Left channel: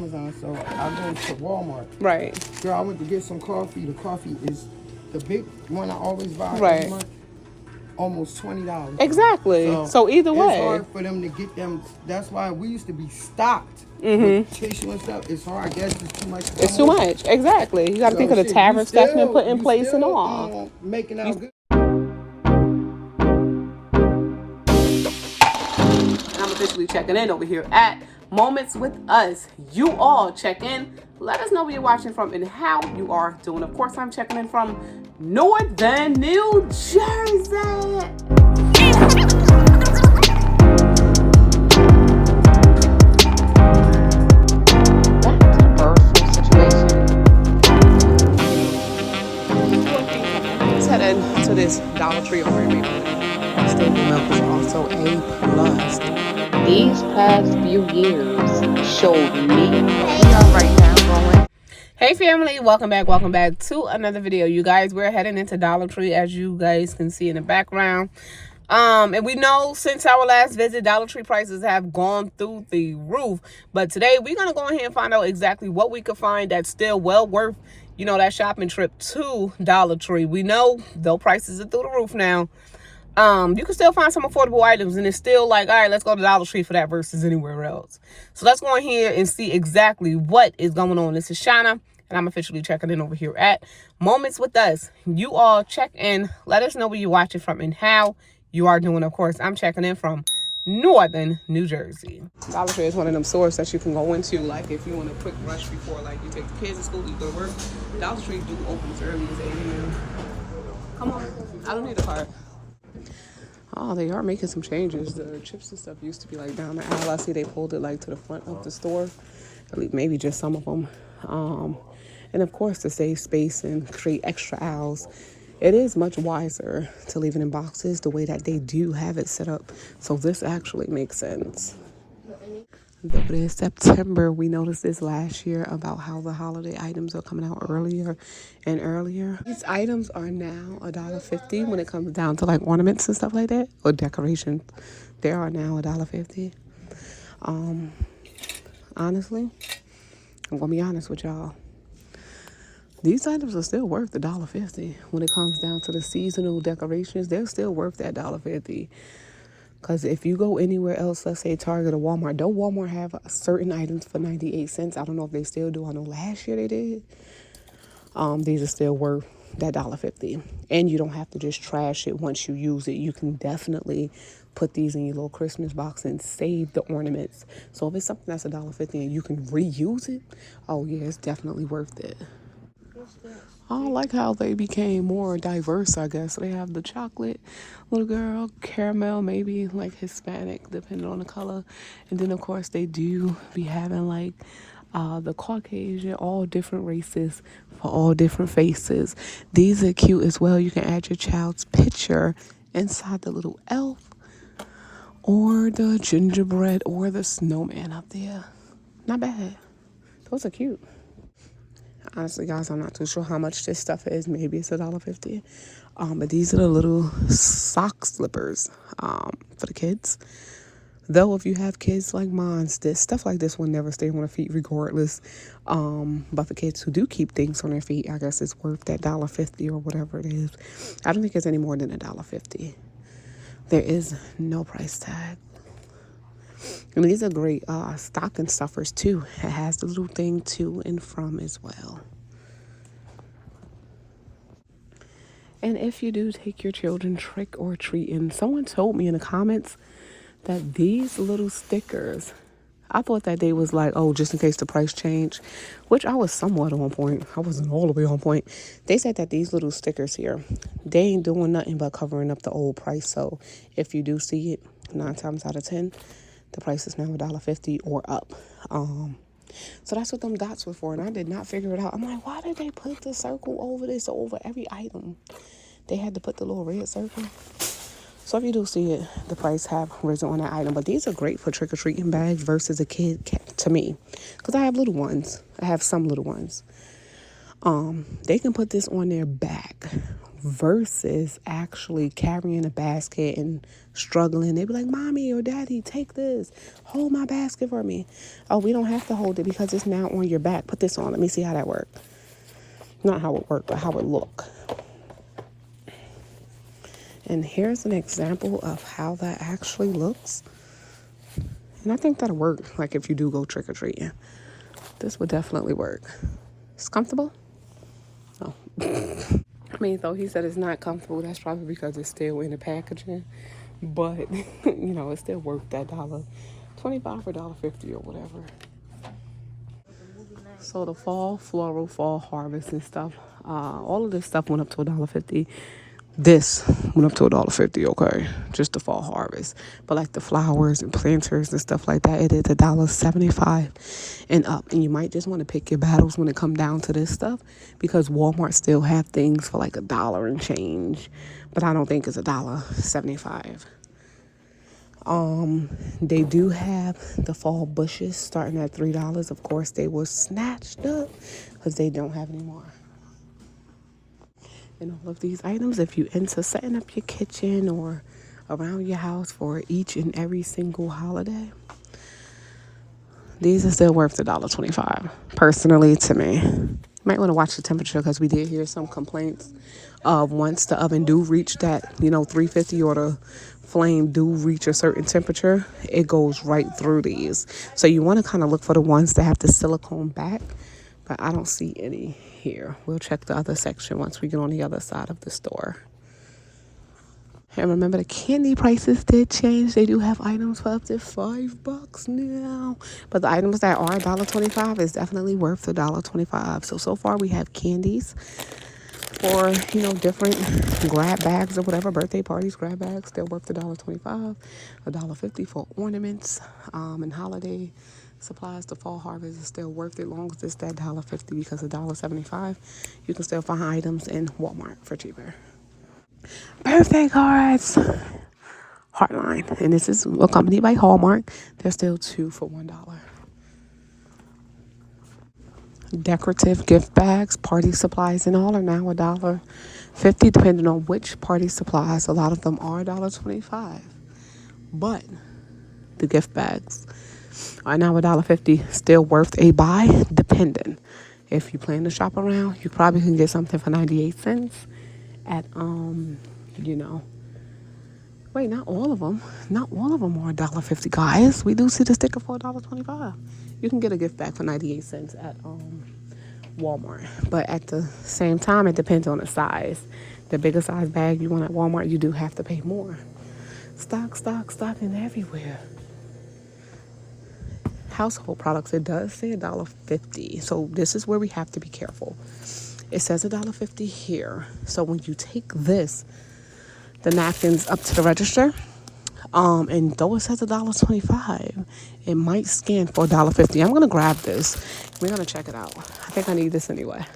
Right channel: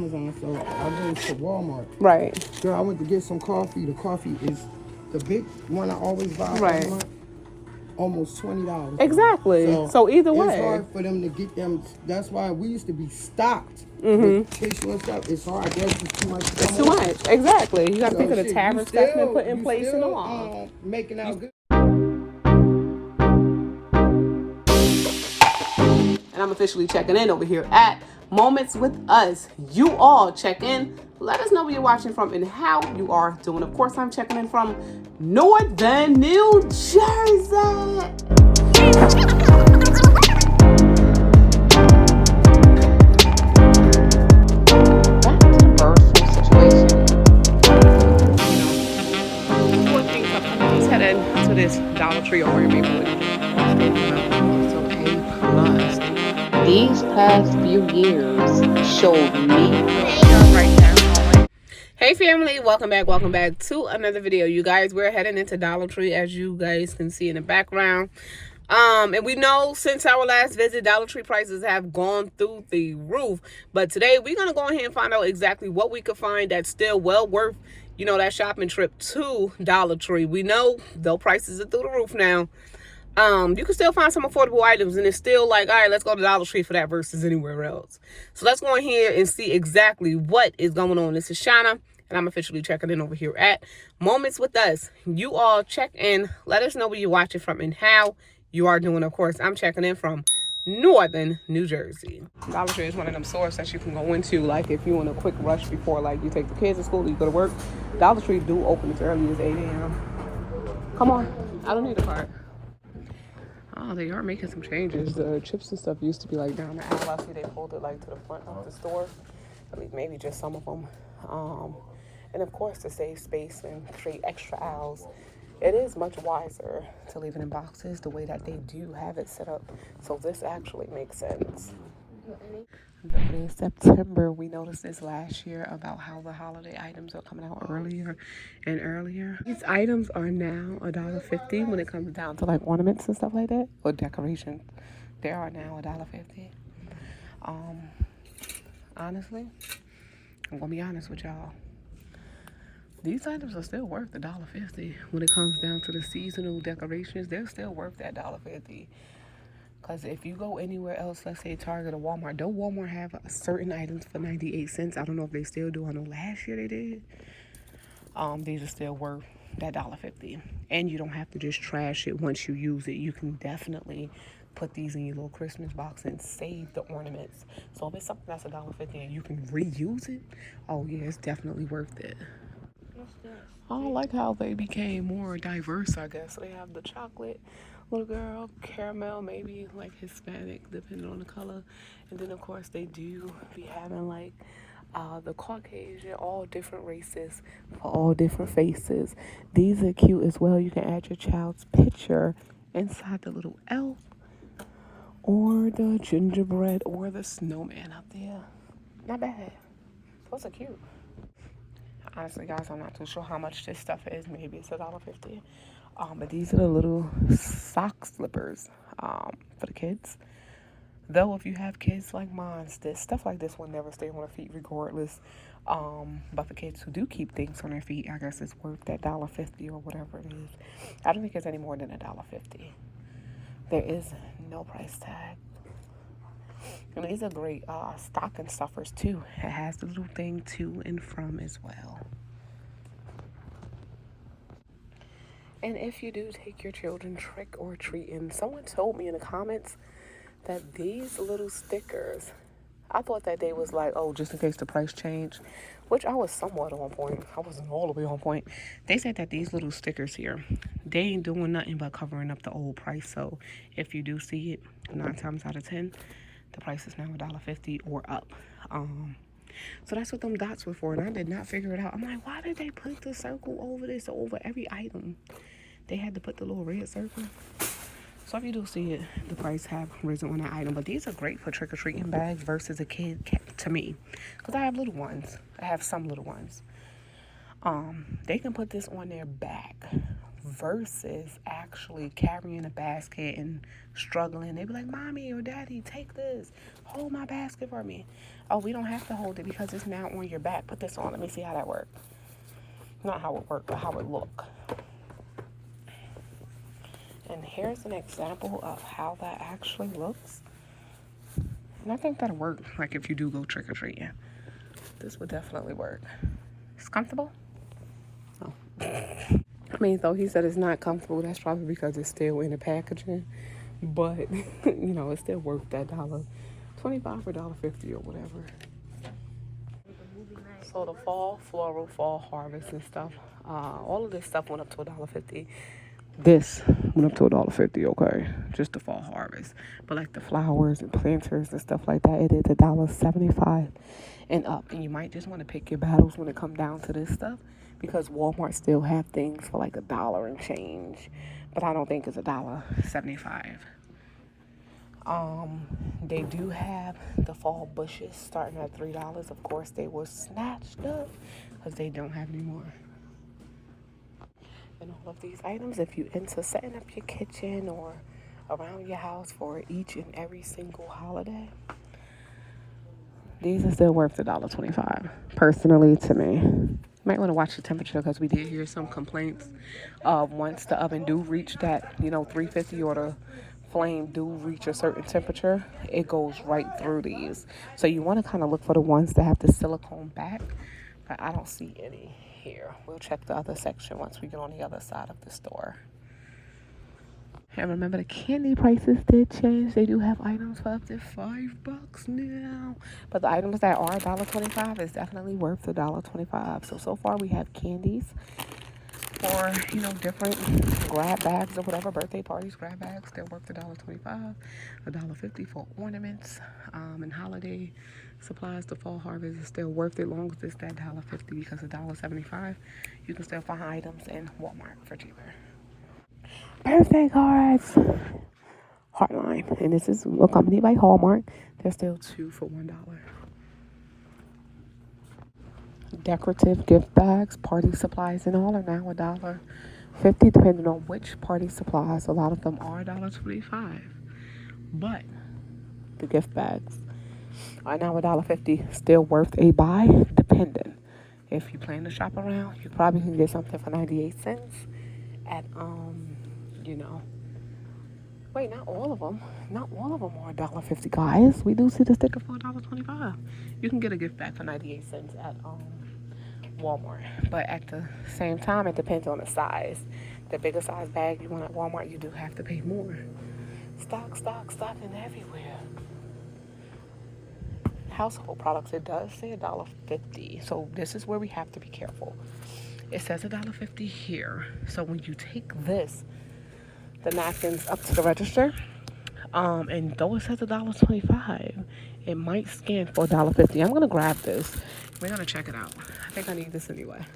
Amazon, so I go to Walmart. Right. Girl, I went to get some coffee. The coffee is the big one I always buy. Right. Almost $20. Exactly. So either way, it's hard for them to get them. That's why we used to be stocked. Tissue and stuff. It's hard. I guess it's too much. It's too much. Exactly. You got to think of the tariff stuff and put in place still, and all. Making out good. And I'm officially checking in over here at Moments with Us. You all check in. Let us know where you're watching from and how you are doing. Of course, I'm checking in from Northern New Jersey. Back to the personal situation. Let's head into this Dollar Tree over in Maplewood. Stable Milk is also A+. These past few years showed me. Hey family, welcome back to another video. You guys, we're heading into Dollar Tree, as you guys can see in the background. And we know since our last visit, Dollar Tree prices have gone through the roof. But today we're gonna go ahead and find out exactly what we could find that's still well worth, you know, that shopping trip to Dollar Tree. We know though prices are through the roof now. You can still find some affordable items, and it's still like, all right, let's go to Dollar Tree for that versus anywhere else. So let's go in here and see exactly what is going on. This is Shauna, and I'm officially checking in over here at Moments with Us. You all check in. Let us know where you're watching from and how you are doing. Of course, I'm checking in from Northern New Jersey. Dollar Tree is one of them stores that you can go into, like if you're in a quick rush before, like you take the kids to school or you go to work. Dollar Tree do open as early as 8 a.m. Come on, I don't need a card. Oh, they are making some changes. The chips and stuff used to be like down the aisle. I see they pulled it like to the front of the store. Maybe just some of them. And of course, to save space and create extra aisles, it is much wiser to leave it in boxes the way that they do have it set up. So this actually makes sense. But in September, we noticed this last year about how the holiday items are coming out earlier and earlier. These items are now $1.50 when it comes down to like ornaments and stuff like that, or decorations. They are now $1.50. Honestly, I'm gonna be honest with y'all. These items are still worth $1.50 when it comes down to the seasonal decorations. They're still worth that $1.50. Because if you go anywhere else, let's say Target or Walmart, don't Walmart have certain items for 98 cents? I don't know if they still do. I know last year they did. These are still worth that $1.50. And you don't have to just trash it once you use it. You can definitely put these in your little Christmas box and save the ornaments. So if it's something that's $1.50 and you can reuse it, oh yeah, it's definitely worth it. I like how they became more diverse, I guess. They have the chocolate little girl, caramel, maybe like Hispanic, depending on the color. And then, of course, they do be having like the Caucasian, all different races for all different faces. These are cute as well. You can add your child's picture inside the little elf or the gingerbread or the snowman up there. Not bad. Those are cute. Honestly, guys, I'm not too sure how much this stuff is. Maybe it's $1.50. But these are the little sock slippers for the kids. Though, if you have kids like mine, this stuff like this will never stay on their feet regardless. But for kids who do keep things on their feet, I guess it's worth that $1.50 or whatever it is. I don't think it's any more than $1.50. There is no price tag. And these are great stocking stuffers too. It has the little thing to and from as well. And if you do take your children trick or treating, someone told me in the comments that these little stickers, I thought that they was like, oh, just in case the price changed, which I was somewhat on point. I wasn't all the way on point. They said that these little stickers here, they ain't doing nothing but covering up the old price. So if you do see it, 9 times out of 10, the price is now $1.50 or up. So that's what them dots were for, and I did not figure it out. I'm like, why did they put the circle over this over every item? They had to put the little red circle. So if you do see it, the price have risen on that item. But these are great for trick-or-treating bags versus a kid, to me, because I have little ones. I have some little ones. They can put this on their back versus actually carrying a basket and struggling. They'd be like, Mommy or Daddy, take this. Hold my basket for me. Oh, we don't have to hold it because it's now on your back. Put this on. Let me see how that works. Not how it worked, but how it look. And here's an example of how that actually looks. And I think that'll work, like if you do go trick-or-treating. This would definitely work. It's comfortable? Oh. I mean, though he said it's not comfortable, that's probably because it's still in the packaging. But, you know, it's still worth that $1.25 or $1.50 or whatever. So the fall floral, fall harvest and stuff, all of this stuff went up to $1.50. This went up to $1.50, okay? Just the fall harvest. But like the flowers and planters and stuff like that, it is $1.75 and up. And you might just want to pick your battles when it come down to this stuff, because Walmart still have things for like $1 and change. But I don't think it's $1.75. They do have the fall bushes starting at $3. Of course, they were snatched up because they don't have any more. And all of these items, if you into setting up your kitchen or around your house for each and every single holiday, these are still worth $1.25, personally, to me. You might want to watch the temperature, because we did hear some complaints of once the oven do reach that, 350, or the flame do reach a certain temperature, it goes right through these. So you want to kind of look for the ones that have the silicone back, but I don't see any here. We'll check the other section once we get on the other side of the store. And remember, the candy prices did change. They do have items for up to $5 now. But the items that are $1.25 is definitely worth $1.25. So far we have candies for, different grab bags or whatever, birthday parties, grab bags. They're worth $1.25, $1.50 for ornaments, and holiday supplies. The fall harvest is still worth it, long as it's that $1.50, because $1.75 you can still find items in Walmart for cheaper. Birthday cards, Heartline, and this is accompanied by Hallmark. They're still 2 for $1. Decorative gift bags, party supplies, and all are now $1.50, depending on which party supplies. A lot of them are $1.25, but the gift bags are now $1.50, still worth a buy, depending. If you plan to shop around, you probably can get something for 98 cents at wait, not all of them are $1.50, guys. We do see the sticker for $1.25. You can get a gift bag for 98 cents at Walmart, but at the same time, it depends on the size. The bigger size bag you want at Walmart, you do have to pay more. Stocking everywhere. Household products, it does say $1.50, so this is where we have to be careful. It says $1.50 here, so when you take the napkins up to the register, and though it says $1.25, it might scan for $1.50. I'm gonna grab this. We're gonna check it out. I think I need this anyway.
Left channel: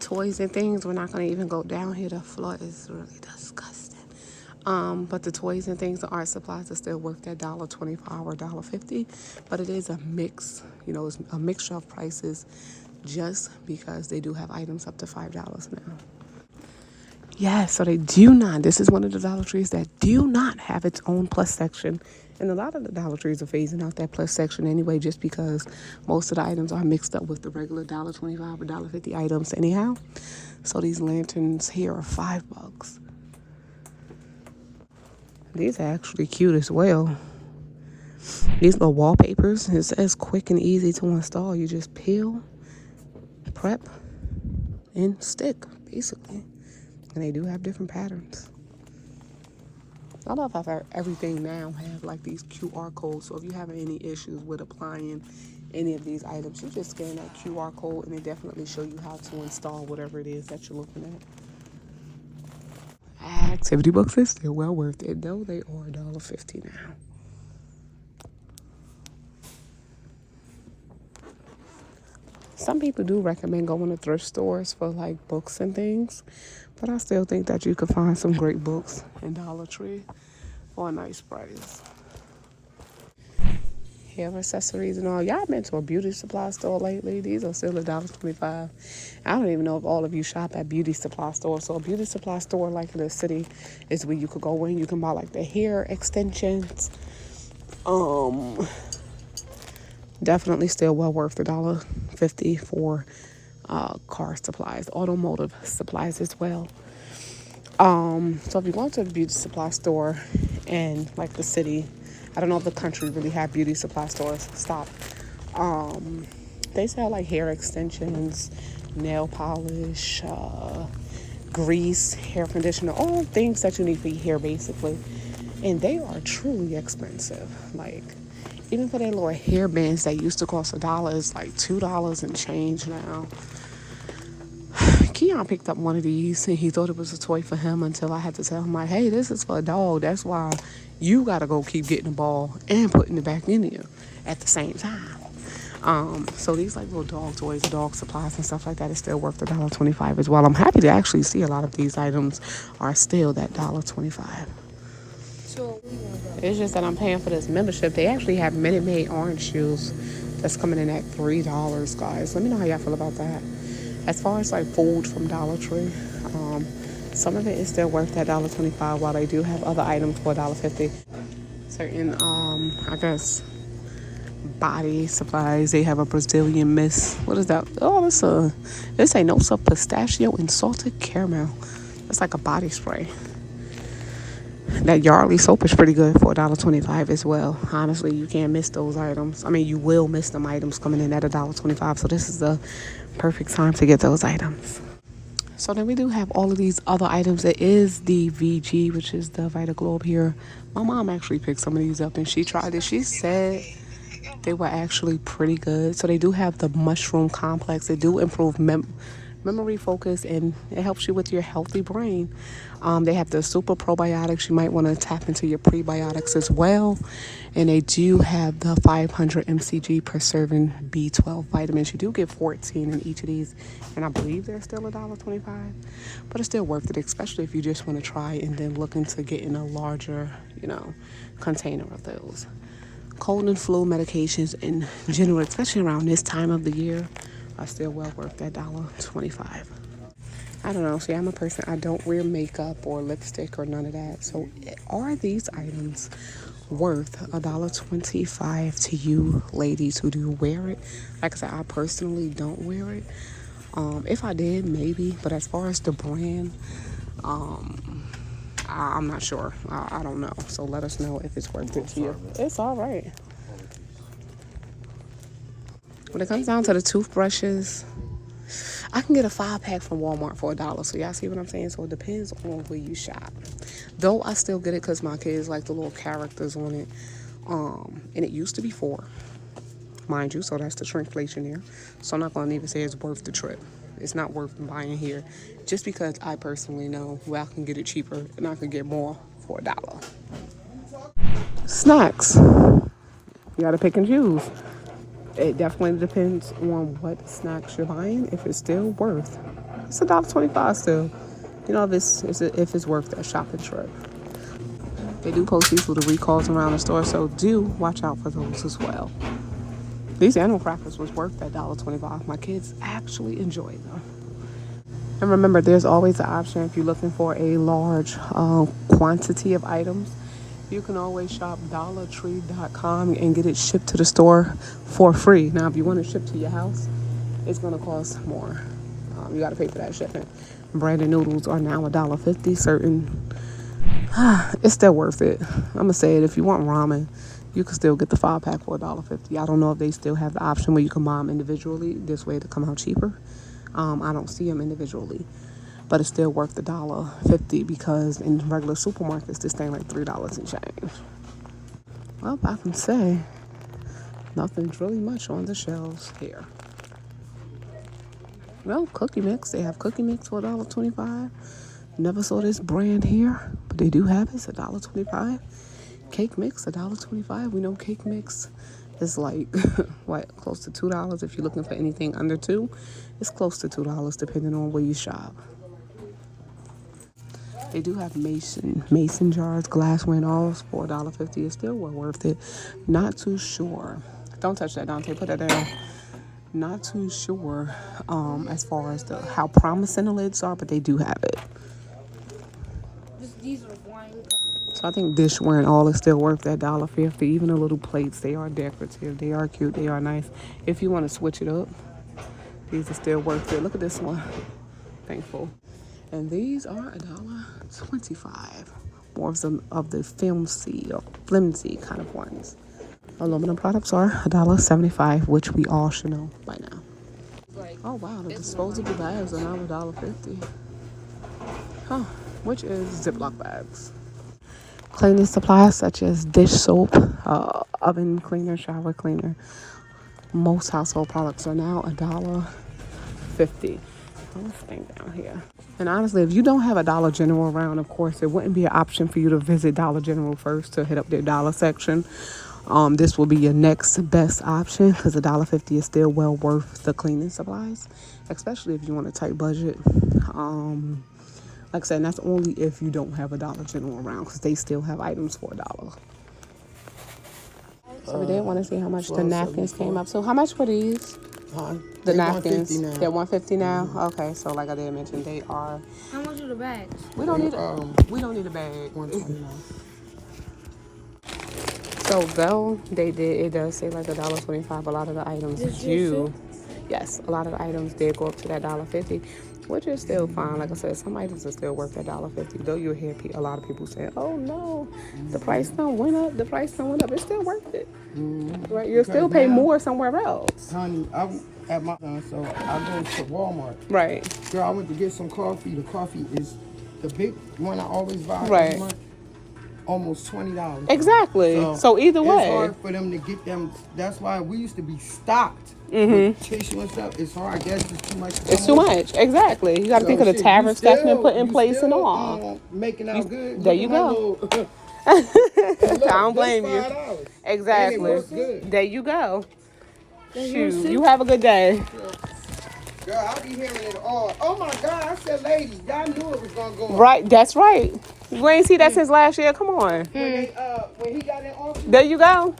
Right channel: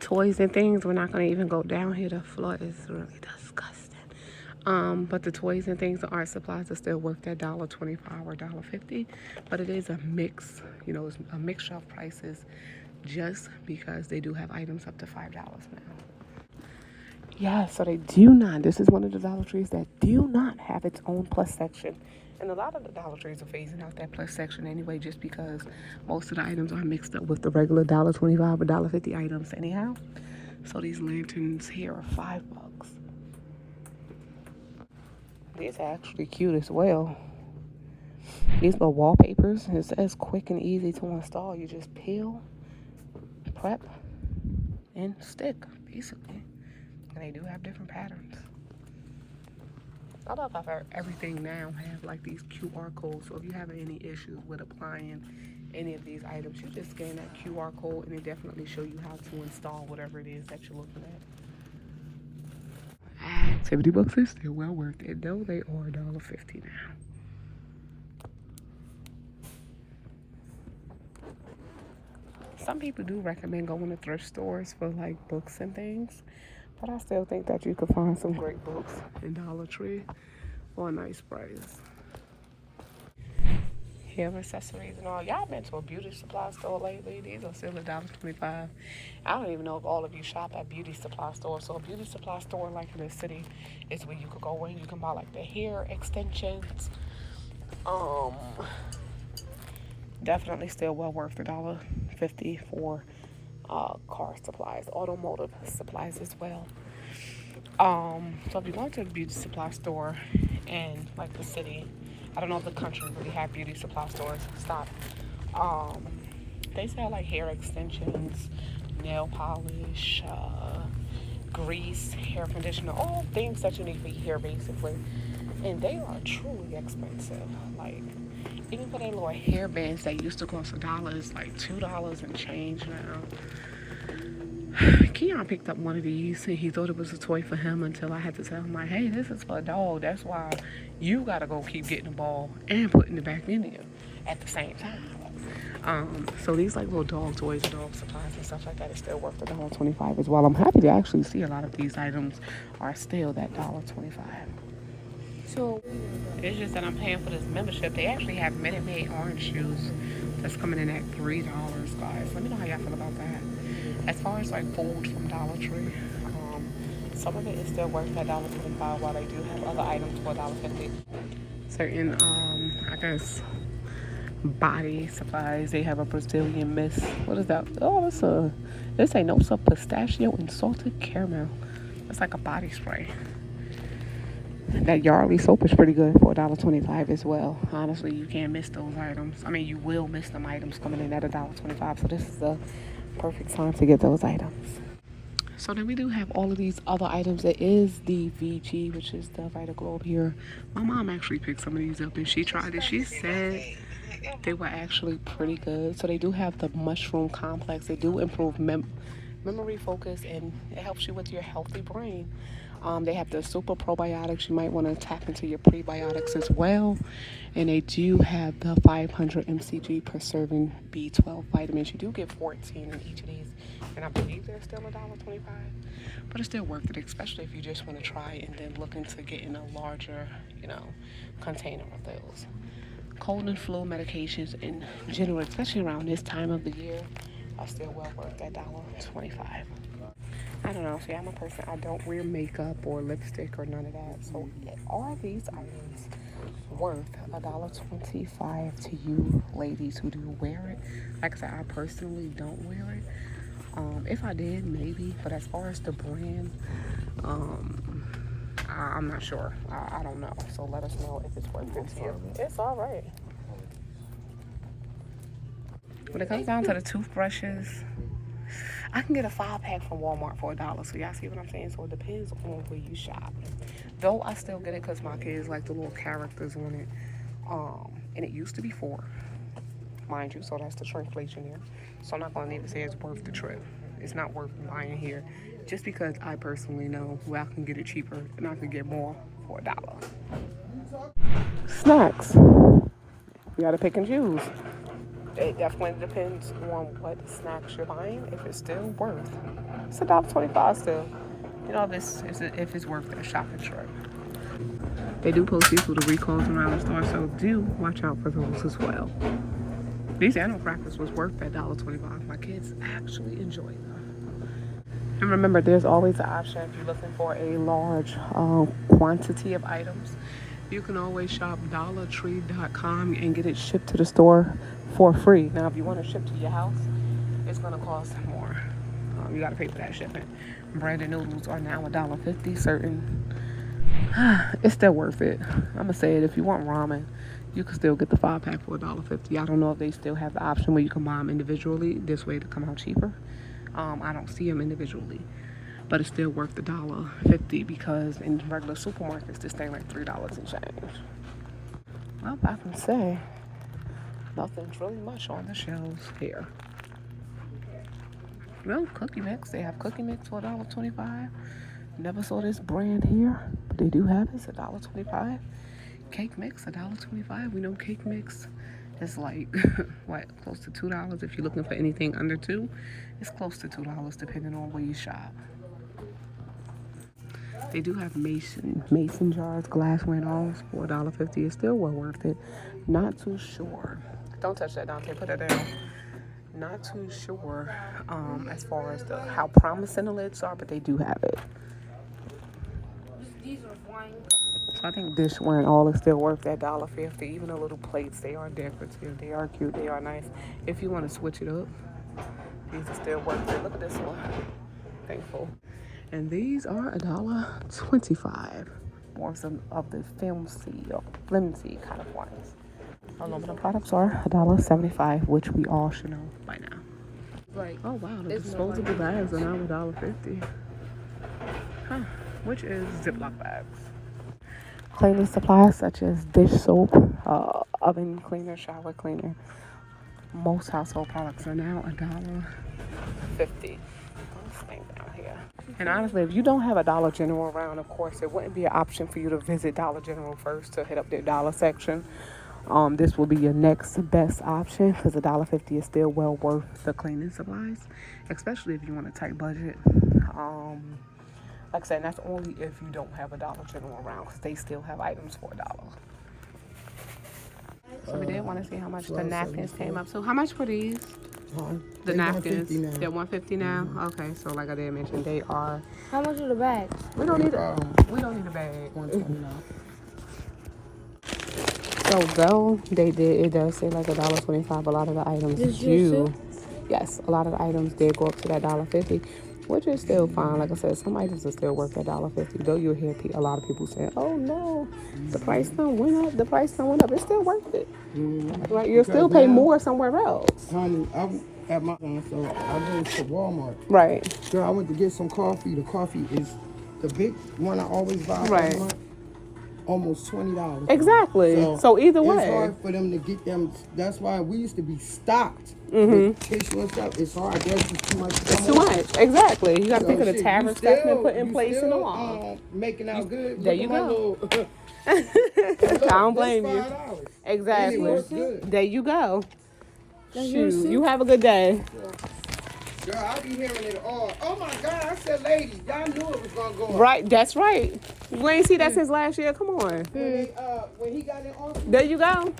Toys and things, we're not gonna even go down here. The floor is really disgusting. But the toys and things, the art supplies are still worth that $1.25 or $1.50. But it is a mix, it's a mixture of prices, just because they do have items up to $5 now. Yeah, so they do not. This is one of the Dollar Trees that do not have its own plus section. And a lot of the Dollar Trees are phasing out that plus section anyway, just because most of the items are mixed up with the regular $1.25 or $1.50 items anyhow. So these lanterns here are $5. These are actually cute as well. These little wallpapers, it says quick and easy to install. You just peel, prep, and stick, basically. And they do have different patterns. I love how everything now have like these QR codes. So if you have any issues with applying any of these items, you just scan that QR code and it definitely show you how to install whatever it is that you're looking at. Activity books is still well worth it, though they are $1.50 now. Some people do recommend going to thrift stores for like books and things. But I still think that you could find some great books in Dollar Tree for a nice price. hair accessories and all. Y'all been to a beauty supply store lately? These are still $1.25. I don't even know if all of you shop at beauty supply stores. So a beauty supply store like in the city is where you could go in. You can buy like the hair extensions. Definitely still well worth the $1.50 for car supplies, automotive supplies as well. So if you go to a beauty supply store in like the city, I don't know if the country really have beauty supply stores. Stop. They sell like hair extensions, nail polish, grease, hair conditioner, all things that you need for your hair basically. And they are truly expensive. Like even for their little hair bands that used to cost $1, it's like $2 and change now. Keon picked up one of these and he thought it was a toy for him until I had to tell him like, hey, this is for a dog. That's why you gotta go keep getting the ball and putting it back in you at the same time. So these like little dog toys, dog supplies and stuff like that is still worth $1.25 as well. I'm happy to actually see a lot of these items are still that $1.25. So it's just that I'm paying for this membership. They actually have Minute Maid orange juice that's coming in at $3, guys. Let me know how y'all feel about that. As far as like food from Dollar Tree, some of it is still worth that $1.25 while they do have other items for $1.50. Certain, I guess, body supplies. They have a Brazilian mist. What is that? Oh, this ain't no stuff. Pistachio and salted caramel. It's like a body spray. That Yardley soap is pretty good for $1.25 as well. Honestly, you can't miss those items. I mean, you will miss them items coming in at $1.25. So this is the perfect time to get those items. So then we do have all of these other items. It is the VG, which is the Vita Globe here. My mom actually picked some of these up and she tried it. She said they were actually pretty good. So they do have the mushroom complex. They do improve memory, focus, and it helps you with your healthy brain. They have the super probiotics. You might want to tap into your prebiotics as well. And they do have the 500 mcg per serving B12 vitamins. You do get 14 in each of these. And I believe they're still $1.25. But it's still worth it, especially if you just want to try and then look into getting a larger, container of those. Cold and flu medications in general, especially around this time of the year, are still well worth that $1.25. I don't know. See, I'm a person, I don't wear makeup or lipstick or none of that. So are these items worth $1.25 to you ladies who do wear it? Like I said, I personally don't wear it. If I did, maybe. But as far as the brand, I'm not sure. I don't know. So let us know if it's worth it to you. It's all right. When it comes down to the toothbrushes, I can get a 5-pack from Walmart for $1. So y'all see what I'm saying? So it depends on where you shop. Though I still get it because my kids like the little characters on it. And it used to be $4, mind you. So that's the shrinkflation there. So I'm not going to even say it's worth the trip. It's not worth buying here. Just because I personally know where I can get it cheaper and I can get more for $1. Snacks. You got to pick and choose. It definitely depends on what snacks you're buying. If it's still worth, it's $1.25 still. If it's worth that shopping trip. They do post these with the recalls around the store, so do watch out for those as well. These animal crackers was worth that $1.25. My kids actually enjoyed them. And remember, there's always an option if you're looking for a large quantity of items. You can always shop DollarTree.com and get it shipped to the store for free. Now, if you want to ship to your house, it's going to cost more. You got to pay for that shipment. Branded noodles are now $1.50. It's still worth it. I'm going to say it. If you want ramen, you can still get the 5-pack for $1.50. I don't know if they still have the option where you can buy them individually. This way to come out cheaper. I don't see them individually. But it's still worth the $1.50 because in regular supermarkets, this thing like $3 and change. Well, I can say nothing's really much on the shelves here. Well, cookie mix. They have cookie mix for $1.25. Never saw this brand here, but they do have it. It's $1.25. Cake mix, $1.25. We know cake mix is like, close to $2. If you're looking for anything under $2, it's close to $2 depending on where you shop. They do have mason jars, glassware and all for $1.50. It's still well worth it. Not too sure. Don't touch that, Dante. Put that there. Not too sure as far as how promising the lids are, but they do have it. These are wine. So I think dishware and all is still worth that $1.50. Even the little plates, they are decorative. They are cute. They are nice. If you want to switch it up, these are still worth it. Look at this one. Thankful. And these are $1.25. More of the flimsy kind of ones. Aluminum products are $1.75, which we all should know by now. Oh wow, the disposable bags are now $1.50. Huh, which is Ziploc bags. Cleaning supplies such as dish soap, oven cleaner, shower cleaner. Most household products are now $1.50. This thing down here. And honestly, if you don't have a Dollar General around, of course, it wouldn't be an option for you to visit Dollar General first to hit up their dollar section. This will be your next best option because $1.50 is still well worth the cleaning supplies, especially if you want a tight budget. Like I said, and that's only if you don't have a Dollar General around because they still have items for $1. So we did want to see how much the napkins came up. So how much for these? The napkins, they're $1.50 now. Okay, so like I did mention, they are. How much are the bags? We don't need a bag. So though it does say like $1.25. A lot of the items do. Yes, a lot of the items did go up to that $1.50, which is still fine. Like I said, some items are still worth that $1.50. Though you'll hear a lot of people saying, "Oh no, the price done went up. The price done went up." It's still worth it. Right? You'll still pay more somewhere else. Honey, at my so I go to Walmart. Right. Girl, I went to get some coffee. The coffee is the big one I always buy. Right. Almost $20. Exactly. So either way, it's hard for them to get them. That's why we used to be stocked. With tissue and stuff. It's hard. I guess it's too much. It's too much. Exactly. You got to think of the tariff stacking and put in place and all. Making out good. There you go. I don't blame you. Exactly. There you go. Shoot. You have a good day. Girl, I be hearing it all. Oh my God, I said, ladies, y'all knew it was gonna go. Right, that's right. We ain't see that since last year. Come on. When he got in office. There you go.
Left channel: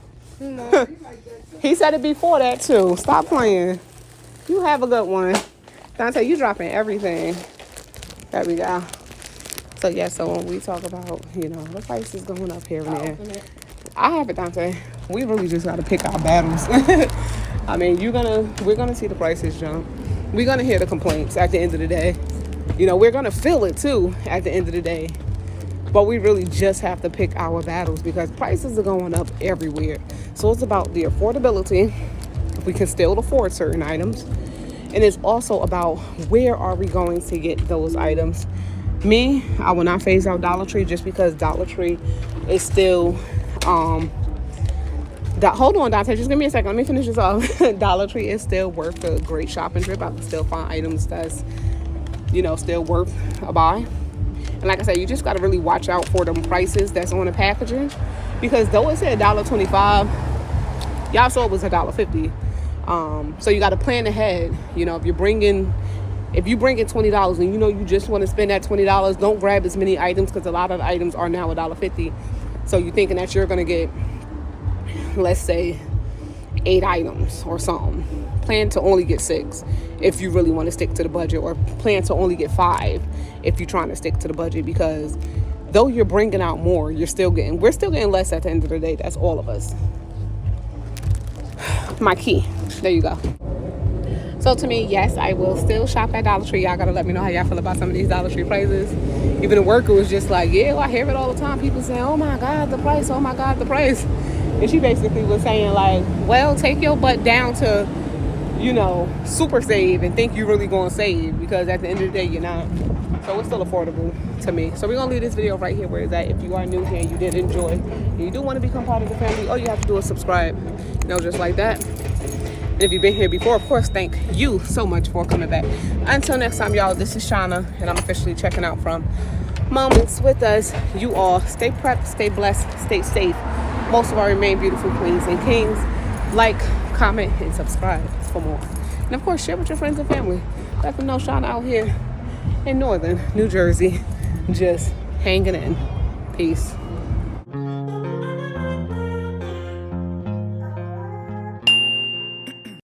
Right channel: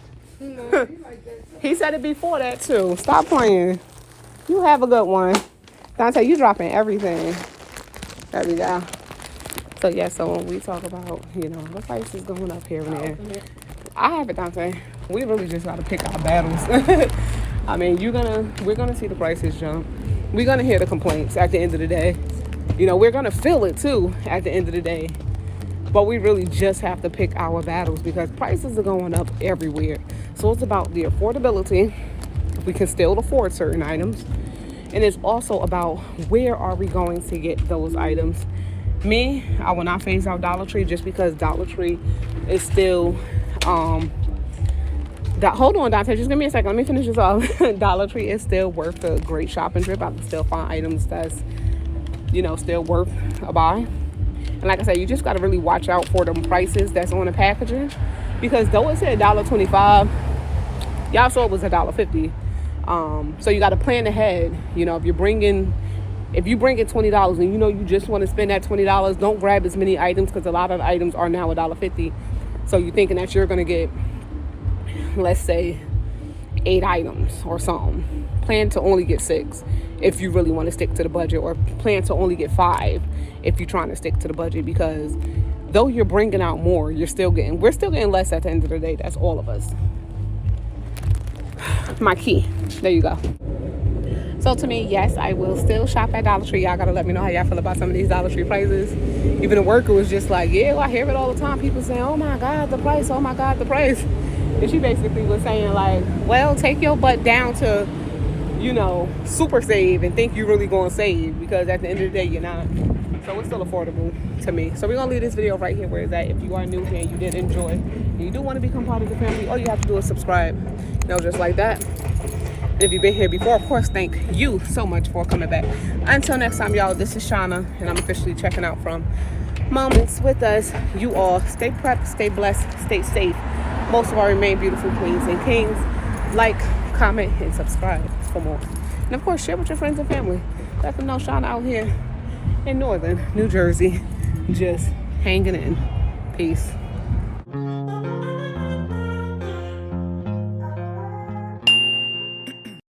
He said it before that too. Stop playing. You have a good one. Dante, you dropping everything. There we go. So yeah, so when we talk about, the price is going up here and there. I have it, Dante. We really just gotta pick our battles. I mean, we're gonna see the prices jump. We're gonna hear the complaints at the end of the day. We're gonna feel it too at the end of the day. But we really just have to pick our battles because prices are going up everywhere. So it's about the affordability, if we can still afford certain items. And it's also about where are we going to get those items. Me, I will not phase out Dollar Tree just because Dollar Tree is still, hold on, Dante, just give me a second. Let me finish this off. Dollar Tree is still worth a great shopping trip. I can still find items that's, still worth a buy. And like I said, you just got to really watch out for them prices that's on the packaging. Because though it said $1.25, y'all saw it was $1.50. So you got to plan ahead. If you bring in $20 and you just want to spend that $20, don't grab as many items because a lot of the items are now $1.50. So you're thinking that you're going to get, let's say, 8 items or something. Plan to only get 6 if you really want to stick to the budget, or plan to only get 5 if you're trying to stick to the budget, because though you're bringing out more, we're still getting less at the end of the day. That's all of us. My key. There you go. So to me, yes, I will still shop at Dollar Tree. Y'all gotta let me know how y'all feel about some of these Dollar Tree prices. Even the worker was just like, yeah, I hear it all the time. People saying, oh my God, the price, oh my God, the price. And she basically was saying like, well, take your butt down to, super save and think you're really gonna save, because at the end of the day, you're not. So it's still affordable to me. So we're gonna leave this video right here where it's at. If you are new here and you did enjoy and you do want to become part of the family, all you have to do is subscribe, just like that. And if you've been here before, of course, thank you so much for coming back. Until next time, y'all, this is Shauna, and I'm officially checking out from Moments with Us. You all stay prepped, stay blessed, stay safe. Most of our remain beautiful queens and kings. Like, comment, and subscribe for more. And of course, share with your friends and family. Let them know Shauna out here in northern New Jersey just hanging in. Peace.